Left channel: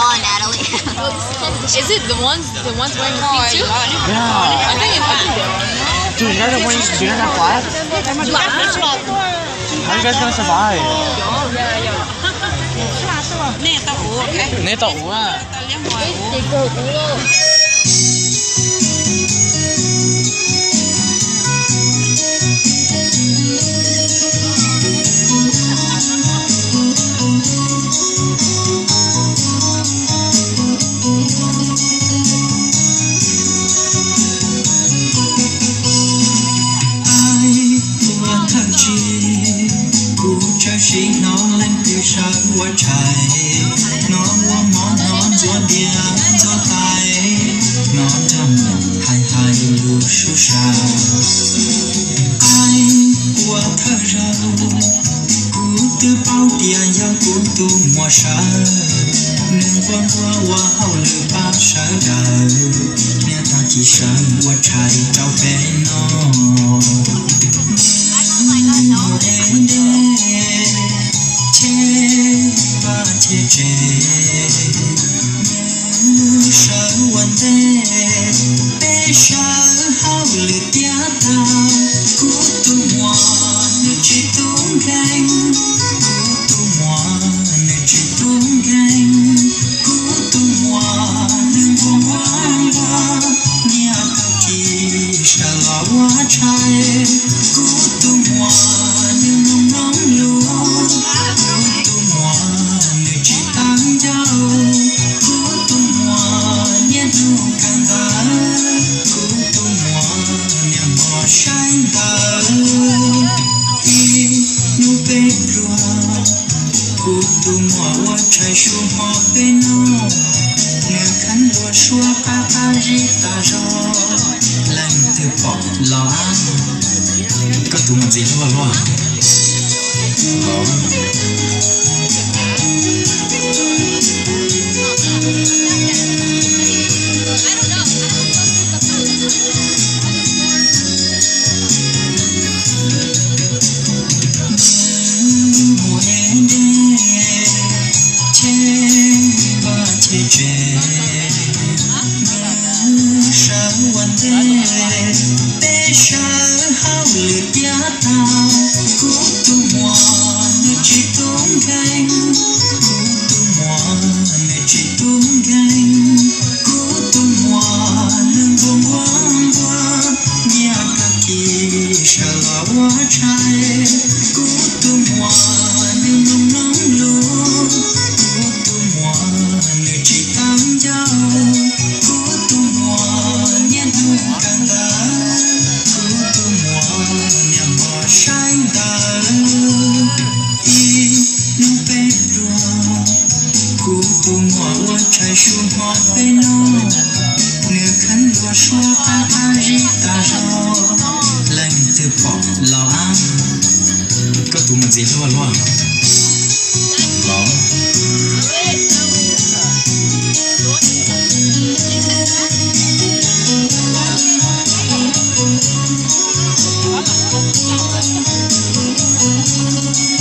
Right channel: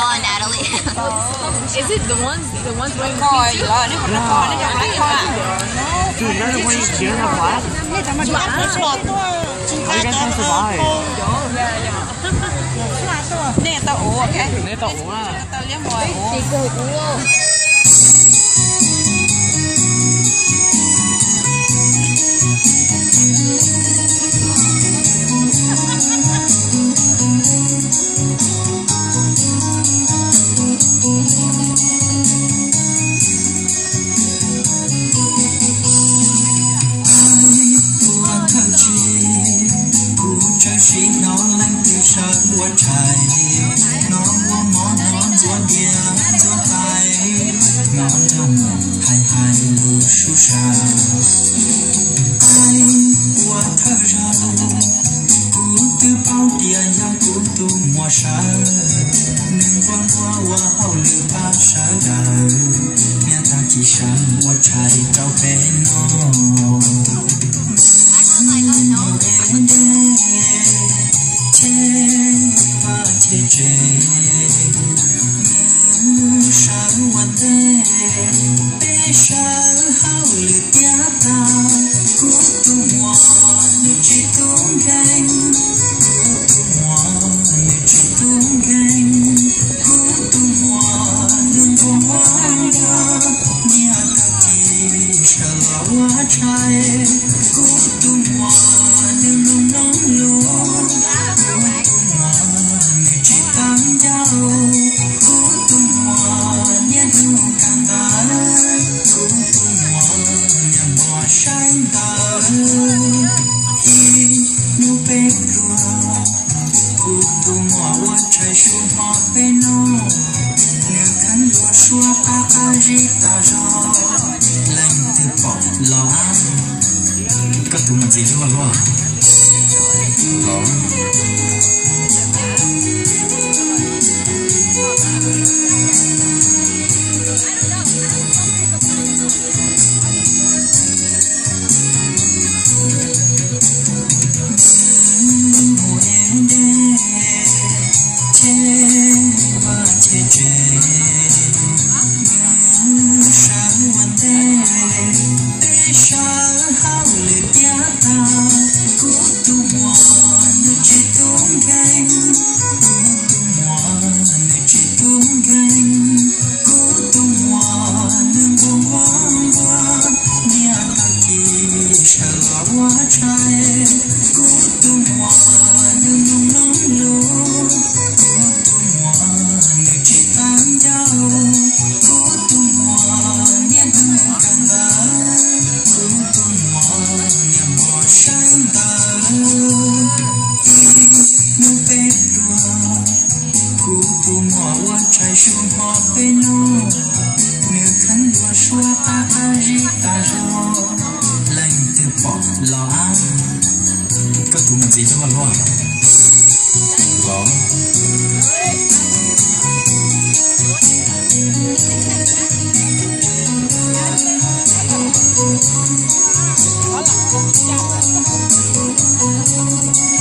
Đó, Natalie. Is it the ones wearing the pink too? Yeah. Dude, you guys have flag? How are you guys gonna survive? Nè tao ủa ok. Nè tao ủa à? Tao lấy mồi ủa. Chị cô cũng luôn. Hãy subscribe cho kênh Ghiền Mì Gõ để không